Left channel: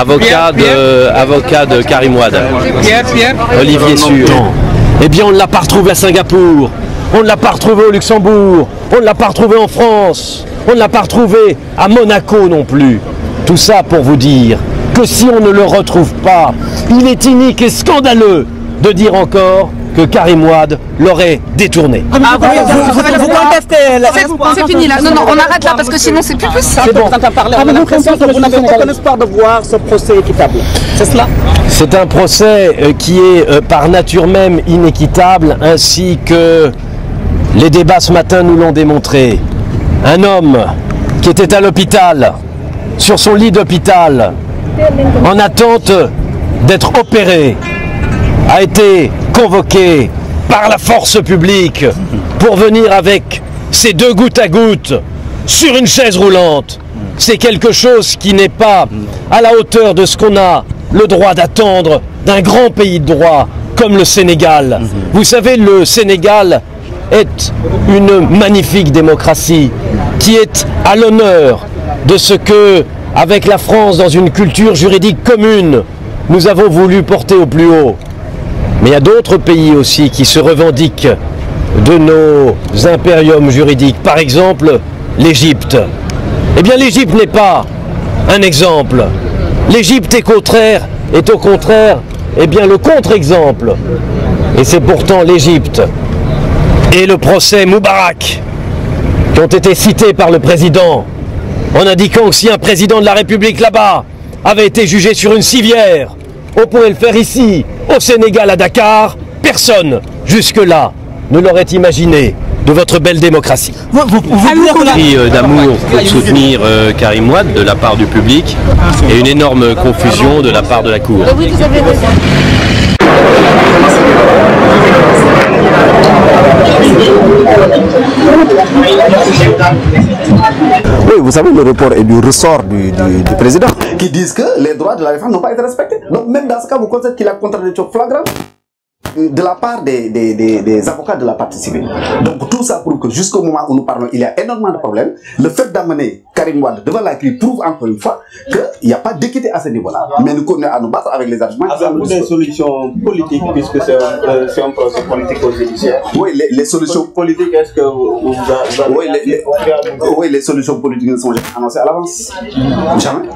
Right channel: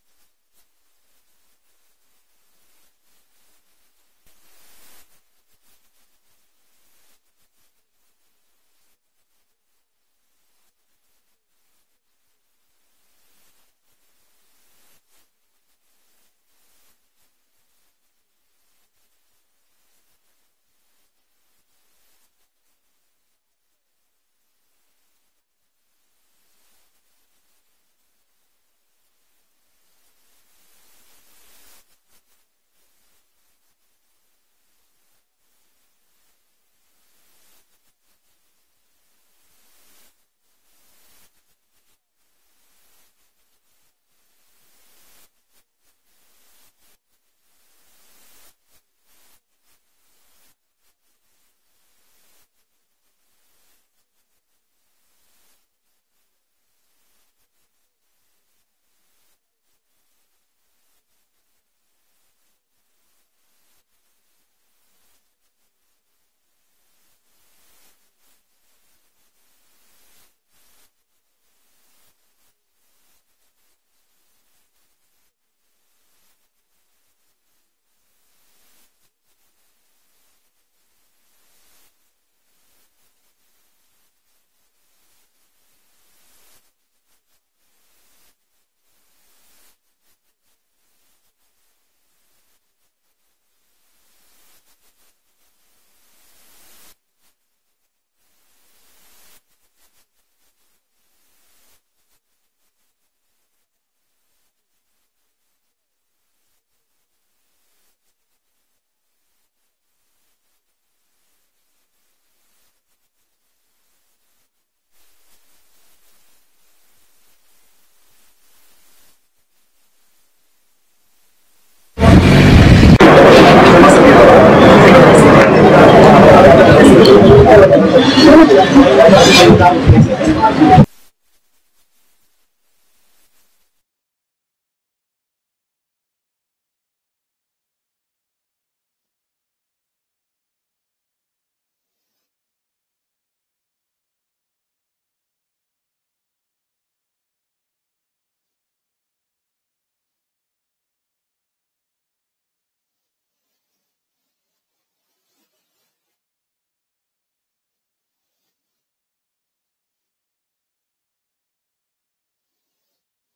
avocat de Karim Wade. Olivier Sûr. Eh bien, on ne l'a pas retrouvé à Singapour, on ne l'a pas retrouvé au Luxembourg, on ne l'a pas retrouvé en France, on ne l'a pas retrouvé à Monaco non plus. Tout ça pour vous dire que si on ne le retrouve pas, il est inique et scandaleux de dire encore que Karim Wade l'aurait détourné. Vous contestez. C'est fini là. Non, on arrête là parce que sinon c'est plus possible. C'est bon. Vous n'avez aucun espoir de voir ce procès équitable. C'est cela? C'est un procès qui est par nature même inéquitable, ainsi que les débats ce matin nous l'ont démontré. Un homme qui était à l'hôpital, sur son lit d'hôpital, en attente d'être opéré, a été convoqué par la force publique pour venir avec ses 2 gouttes à gouttes sur une chaise roulante. C'est quelque chose qui n'est pas à la hauteur de ce qu'on a le droit d'attendre d'un grand pays de droit comme le Sénégal. Vous savez, le Sénégal est une magnifique démocratie qui est à l'honneur de ce que, avec la France dans une culture juridique commune, nous avons voulu porter au plus haut. Mais il y a d'autres pays aussi qui se revendiquent de nos impériums juridiques. Par exemple, l'Égypte. Eh bien, l'Égypte n'est pas un exemple. L'Égypte est au contraire, eh bien, le contre-exemple. Et c'est pourtant l'Égypte et le procès Moubarak qui ont été cités par le président en indiquant que si un président de la République là-bas avait été jugé sur une civière, on pourrait le faire ici, au Sénégal, à Dakar. Personne, jusque-là, ne l'aurait imaginé de votre belle démocratie. Cri d'amour pour soutenir Karim Wade de la part du public et une énorme confusion de la part de la Cour. Oui, vous avez raison. Oui, vous savez, le report est du ressort du président, qui disent que les droits de la femme n'ont pas été respectés. Donc même dans ce cas, vous constatez qu'il a contradiction flagrante de la part des avocats de la partie civile. Donc tout ça prouve que jusqu'au moment où nous parlons, il y a énormément de problèmes. Le fait d'amener Karim Wade devant la CRI prouve encore une fois qu'il n'y a pas d'équité à ce niveau-là. Mais nous continuons à nous battre avec les arguments. Avez-vous des solutions politiques, puisque c'est un procès politique au judiciaire? Oui, les solutions politiques, est-ce que vous avez... Oui, les solutions politiques ne sont jamais annoncées à l'avance. Jamais.